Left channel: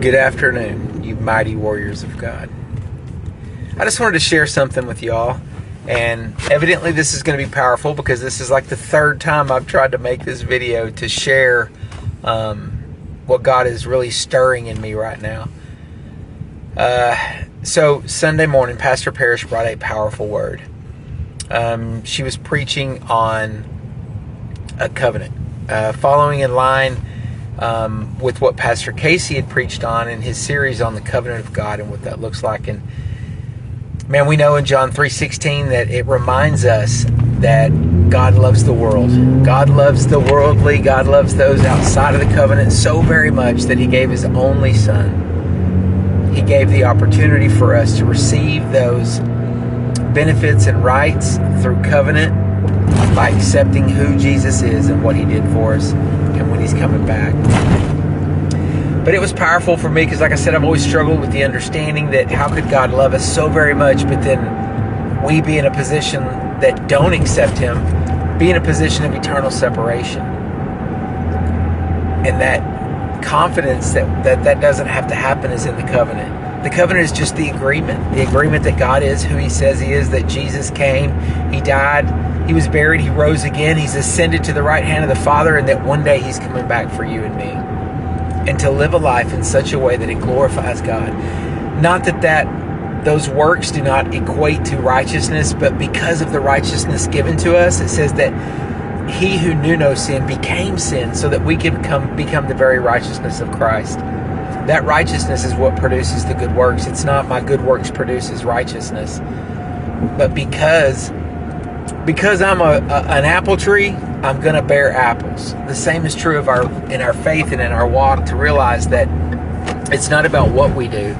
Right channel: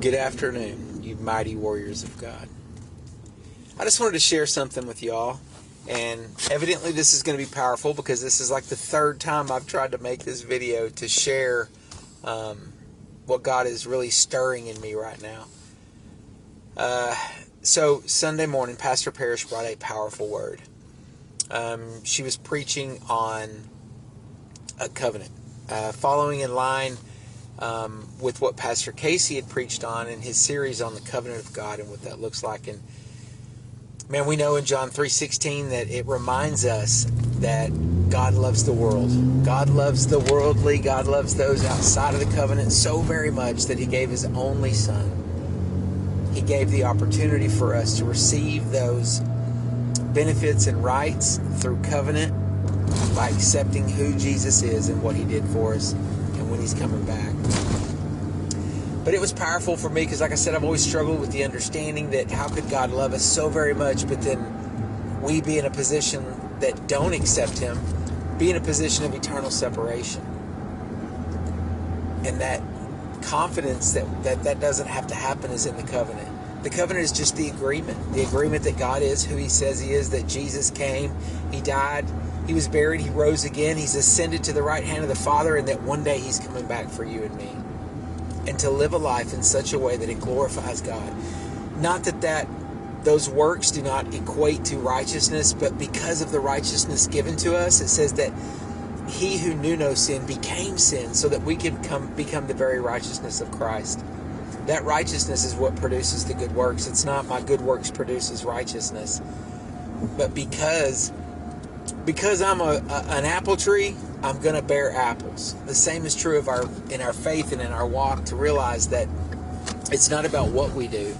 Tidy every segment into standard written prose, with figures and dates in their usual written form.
Good afternoon, you mighty warriors of God. I just wanted to share something with y'all, and evidently this is going to be powerful because this is like the third time I've tried to make this video to share what God is really stirring in me right now. So Sunday morning, Pastor Parrish brought a powerful word. She was preaching on a covenant, following in line with what Pastor Casey had preached on in his series on the covenant of God and what that looks like. And man, we know in John 3:16 that it reminds us that God loves the world. God loves the worldly. God loves those outside of the covenant so very much that he gave his only son. He gave the opportunity for us to receive those benefits and rights through covenant by accepting who Jesus is and what he did for us and when he's coming back. But it was powerful for me because, like I said, I've always struggled with the understanding that how could God love us so very much, but then we be in a position that don't accept him, be in a position of eternal separation. And that confidence that doesn't have to happen is in the covenant. The covenant is just the agreement that God is who he says he is, that Jesus came, he died, he was buried, he rose again, he's ascended to the right hand of the Father, and that one day he's coming back for you and me. And to live a life in such a way that it glorifies God. Not that those works do not equate to righteousness, but because of the righteousness given to us, it says that he who knew no sin became sin so that we can become the very righteousness of Christ. That righteousness is what produces the good works. It's not my good works produces righteousness. But because I'm an apple tree, I'm going to bear apples. The same is true of in our faith and in our walk, to realize that it's not about what we do,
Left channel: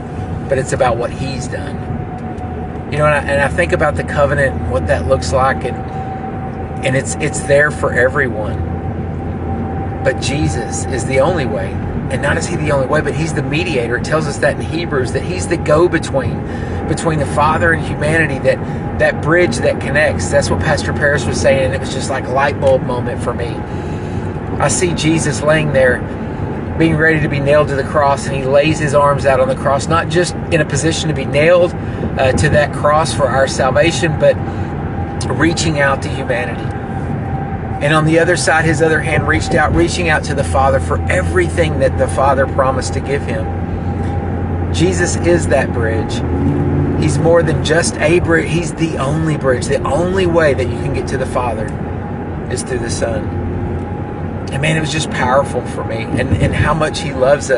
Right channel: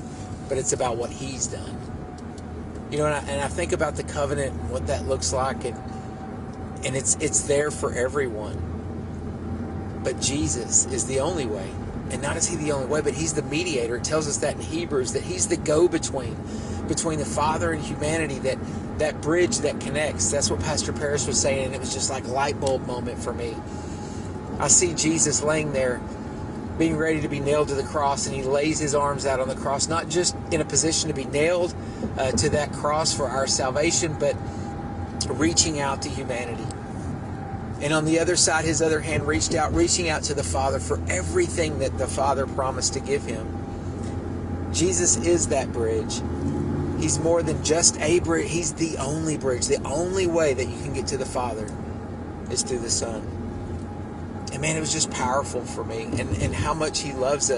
but it's about what he's done. You know, and I think about the covenant and what that looks like, and it's there for everyone. But Jesus is the only way. And not is he the only way, but he's the mediator. It tells us that in Hebrews, that he's the go-between between the Father and humanity, that bridge that connects. That's what Pastor Parrish was saying, and it was just like a light bulb moment for me. I see Jesus laying there, being ready to be nailed to the cross, and he lays his arms out on the cross, not just in a position to be nailed to that cross for our salvation, but reaching out to humanity. And on the other side, his other hand reaching out to the Father for everything that the Father promised to give him. Jesus is that bridge. He's more than just a bridge. He's the only bridge. The only way that you can get to the Father is through the Son. And man, it was just powerful for me, and how much he loves us.